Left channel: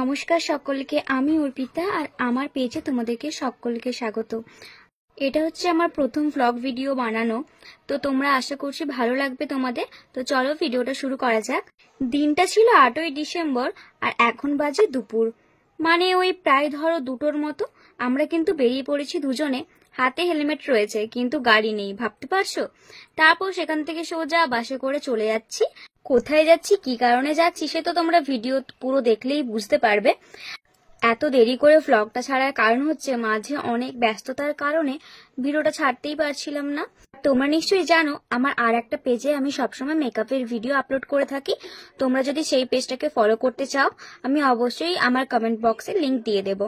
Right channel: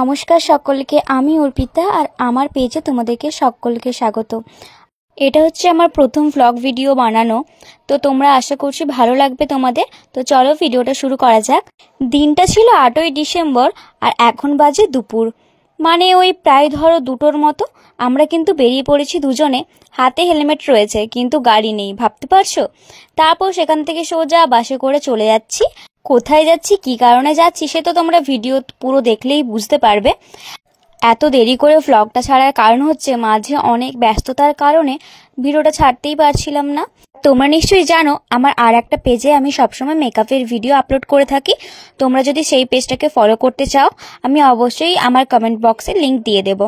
নমস্কার সকলকে, আমি অর্পিতা আর আমার পেজে তোমাদেরকে সকলকে স্বাগত। এটা হচ্ছে আমার প্রথম ভ্লগ ভিডিও বানানো, তো তোমরা আশা করছি ভালো লাগবে তোমাদের। তো চলো ভিডিওটা শুরু করা যাক। দিনটা ছিল 8ই ডিসেম্বর আর এখন বাজে দুপুর, মানে ওই প্রায় ধরো 2টোর মতো। আমরা কিন্তু বেরিয়ে পড়েছি দুজনে, হাতে হেলমেট রয়েছে কিন্তু গাড়ি নেই, ভাবতে পারছো। তারপর সেখান থেকে সোজা বাসে করে চলে যাচ্ছি। কোথায় যাচ্ছি, কি কারণে যাচ্ছি, সে তো তোমরা ভিডিও পুরো দেখলেই বুঝতে পারবে। এত দেরি করে ভ্লগটা ছাড়ার কারণ হচ্ছে মাঝে অনেক ব্যস্ততার কারণে ভিডিওটা ছাড়তেই পারছিলাম না। তোমরা নিশ্চয়ই জানো আমার আর একটা পেজে আমি সবসময় মেকআপের ভিডিও আপলোড করে থাকি। তোমরা যদি সেই পেজটাকে ফলো করতে চাও, আমি অবশ্যই আমার কমেন্ট বক্সে লিংক দিয়ে দেবো।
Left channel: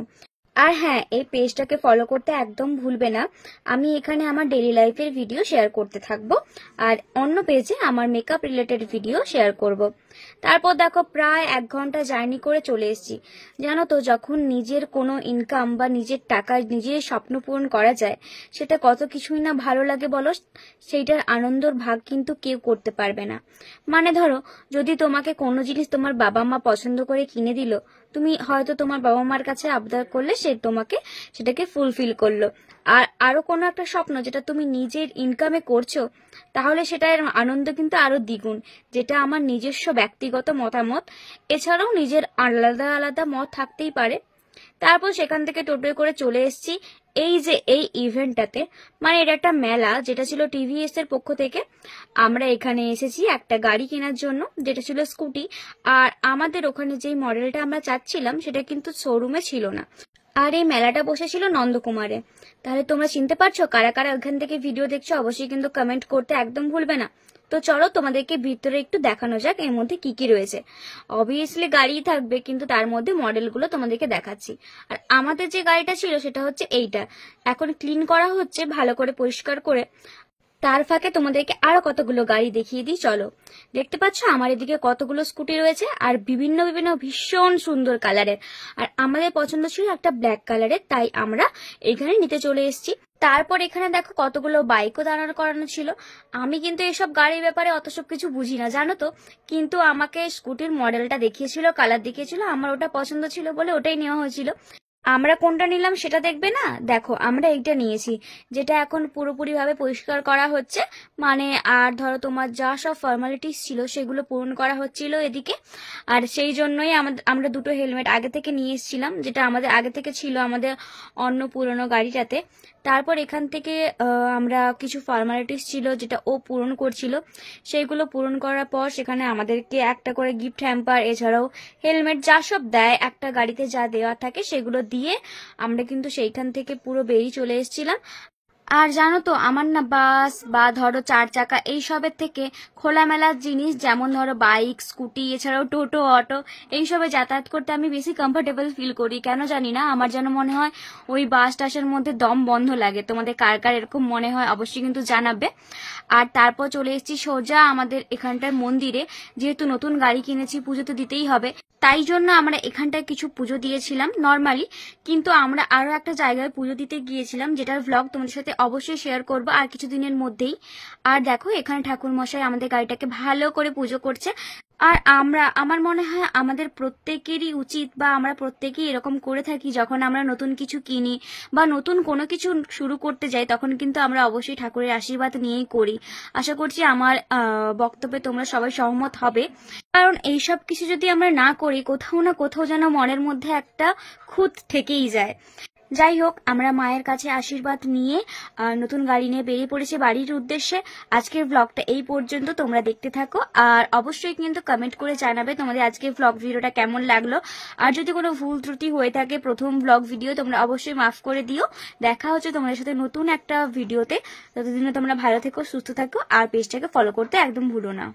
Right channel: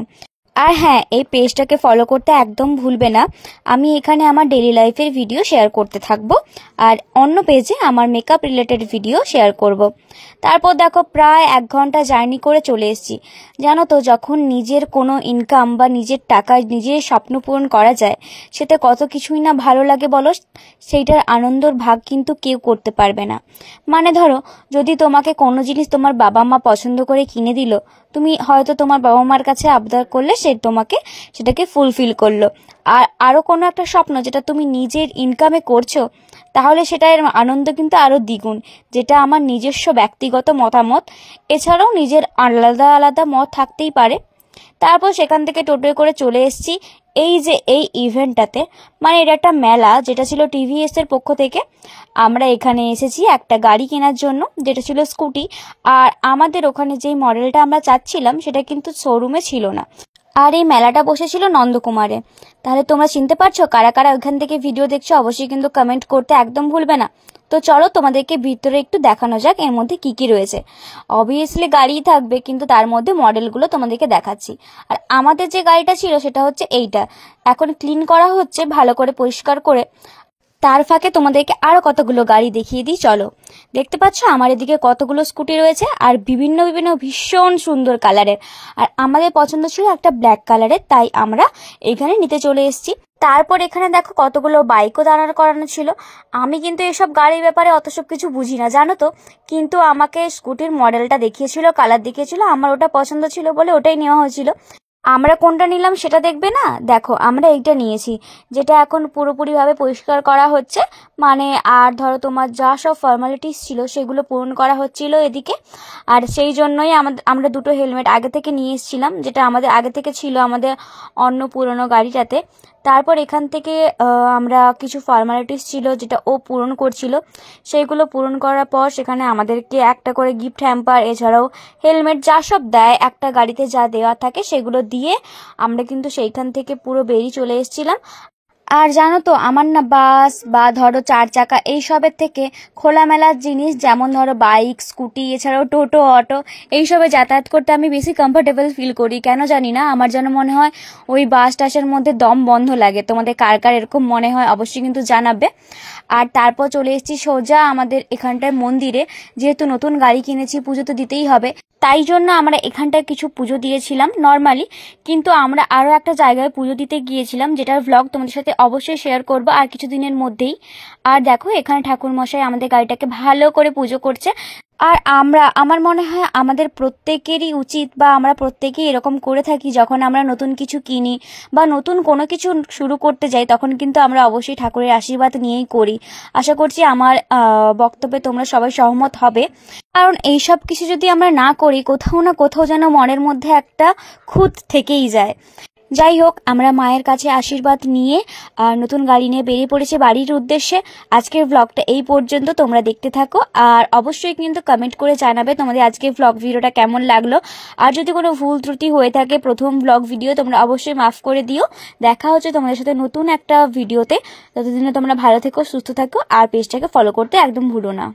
আর হ্যাঁ, এই পেজটাকে ফলো করতে একদম ভুলবে না। আমি এখানে আমার ডেইলি লাইফের ভিডিও শেয়ার করতে থাকবো আর অন্য পেজে আমার মেকআপ রিলেটেড ভিডিও শেয়ার করব। তারপর দেখো প্রায় 1 ঘন্টা জার্নি করে চলে এসেছি। জানো তো, যখন নিজের কোনো ইনকাম বা নিজের টাকা নিজের স্বপ্ন পূরণ করা যায়, সেটা কত কিছুই না ভালো লাগে বলো। সেইটার আনন্দর ভাগ কিন্তু কেউ করতে পারবে না। মানে ধরো, যদি তোমাকে কোনো জিনিস তোমার বাবা মা পছন্দ করে কিনে দিল, তুমি হয়তো তোমার বাবা মার কাছে আবদার করলে, সে তোমাকে সেটাকে ফুলফিল করলো। আর আরো কোনো একটা স্বপ্ন যেটা তুমি নিজের ইনকামে করছো, তাহলে সেটার আনন্দ কিন্তু আরো দ্বিগুণ। যেটা আমার নিজস্ব ব্যক্তিগত মতামত, এছাড়াও নিজের আলাদা আলাদা মত থাকতেই পারে। তারপর সেখান থেকে টোটোয় করে চলে এসেছি এই ইভেন্টটাতে। মানে এটা একটা মেলা, যেটা ছিল টিভিএস এর পক্ষ থেকে। আমরা এখানে এসেছি একটা গাড়ি কেনার জন্য, যেটা ছিল স্কুটি। আর আমাদের ওখানে যেই মডেলটা আমরা চাচ্ছিলাম, সেটা কিন্তু শোরুমে ছিল না। আর এই মেলাটা বসেছিল নন্দকুমারে। তাহলে তোমরা চিনতে পারছো কারা কারা ওখান থেকে ভিডিও দেখছো, অবশ্যই কিন্তু কমেন্ট করতে একদম ভুলবে না। তো চলো তোমাদেরকে ভিতরে একটু দেখানো যাক এর মধ্যে কি কি রয়েছে। অবভিয়াসলি গাড়িই থাকবে, কিন্তু তার মধ্যে মডেলগুলো তোমাদেরকে দেখাচ্ছি। আর আমাদের যে গাড়িটা ছিল সেটা হচ্ছে এইটা, এখন ক্লিন করা হচ্ছে ভালো করে পরিষ্কার করে। তার ফাঁকে তোমাদেরকে আরো কতগুলো গাড়ি দেখিয়ে দিই, চলো। দেখতে পাচ্ছ আমার এদিকে কতগুলো স্কুটি রয়েছে, আর বিভিন্ন বিভিন্ন ভীষণ সুন্দর কালারের। আর আমাদের পছন্দ ছিল একটা ব্ল্যাক কালারের, তাই আমরা এখানে নিতে চলে এসেছি। তারপর এখানে দেখো কতগুলো বাইকও দাঁড়ানো করানো ছিল। আমি কিন্তু এসব গাড়ির ব্যাপারে অত সব কিছু বুঝি না, জানো তো। কিন্তু আমাকে স্কুটির মডেলটা দেখিয়েছিল, কালার দেখিয়েছিল, আমার ওটা পছন্দ ছিল বলে ওটাই নেওয়া হয়েছিল। আমরা কোনটা নিলাম সেটা দেখবে না, দেখো আমরা এইটা নিয়েছি, যেটা এখন পুরোপুরিভাবে পরিষ্কার করা হচ্ছে। মানে আর ধরো তোমার যা সব ফর্মালিটিস ছিল সেগুলো পূরণ করা হচ্ছিল এদিকে। আর সেই জন্যই আমরা 2টো হেলমেট আগে থেকে নিয়ে এসেছিলাম, যেটা আমাদের আগে থেকে ছিল আমাদের অন্য পুরনো গাড়িটাতে। তারপর এখান থেকে আমরা কিছু ফর্মালিটিস ছিল যেটা ও পূরণ করছিল, সেইগুলো পূরণ করার পর সেখানে আমাদেরকে একটা করে গিফট হ্যাম্পার, এছাড়াও হেলমেট যা সব দেয় একটা গাড়িতে যা দেওয়া থাকে সেগুলো দিয়ে আমরা কিন্তু সেইখান থেকে পুরো বেরিয়ে চলে এসেছিলাম। আর জানো তো, আমার না বাস বা ধরো 4 চাকা এইসবের থেকে খোলামেলার জিনিস, যেমন ধরো বাইক, স্কুটি, এছাড়াও টোটো, অটো, এইসবে যাতায়াত করতে আমি বেশি কমফোর্টেবল ফিল করি। কেন জানি না, আমার যেন মনে হয় ওই বাস টাসের মধ্যে দম বন্ধ লাগে। তোমাদের কার কার এরকম মনে হয় অবশ্যই কিন্তু জানাবে। আর তারপর চলে এসেছি সোজা আমাদের এখানটায় মন্দিরে। যেহেতু নতুন গাড়ি কিনেছি, পুজো তো দিতেই হবে, তাই জন্য আমরা এখানটায় কিছু পুজো দিয়েছিলাম নর্মালি। কিন্তু আমরা আরো একটা জায়গায় পুজো দিতে গিয়েছিলাম, যেটার ভ্লগ তোমাদের সাথে অবশ্যই শেয়ার করবো আর কিছুদিনের মধ্যেই। আর দেখো এখানে ঠাকুর মশাই আমাদের গাড়িটাকে ভালো করে পুজো করছে। আর আমার মনে হয় আমাদের প্রত্যেকেরই উচিত, বা আমরা প্রত্যেকেই এরকম করে থাকি, যখন আমরা নতুন কিছু কিনি বা নতুন কোনো কিছু শুরু করতে যাই, তখন কিন্তু আমরা অবশ্যই ঠাকুরের আশীর্বাদ নিয়েই করি। আশা করছি আমার বক্তব্যে তোমরা সবাই সহমত হবে। কারণ এইসব কিছু যদি আমরা না করি, কোথাও না কোথাও যেন মনের মধ্যে একটা খুঁত থেকেই যায়। যাই হোক, আমরা মায়ের কাছে আশীর্বাদ নিয়ে নতুন গাড়ি নিয়ে বেরিয়ে পড়েছে বাড়ির উদ্দেশ্যে। আজকের ভ্লগটা এই পর্যন্ত, তোমরা দেখতে থাকো আর অবশ্যই কিন্তু কমেন্ট করে জানাবে তোমাদের আজকের ভ্লগ ভিডিওটা কেমন লাগলো। আর যদি কোনো ভুল ত্রুটি হয়ে থাকে প্রথম ভ্লগ ভিডিও, তোমরা অবশ্যই মাফ করে দিও। দেখা হচ্ছে তোমাদের সাথে নতুন একটা ভিডিওতে। ততদিনে তোমরা ভালো থেকো, সুস্থ থাকো আর পেজটাকে ফলো করতে একদম ভুলো না।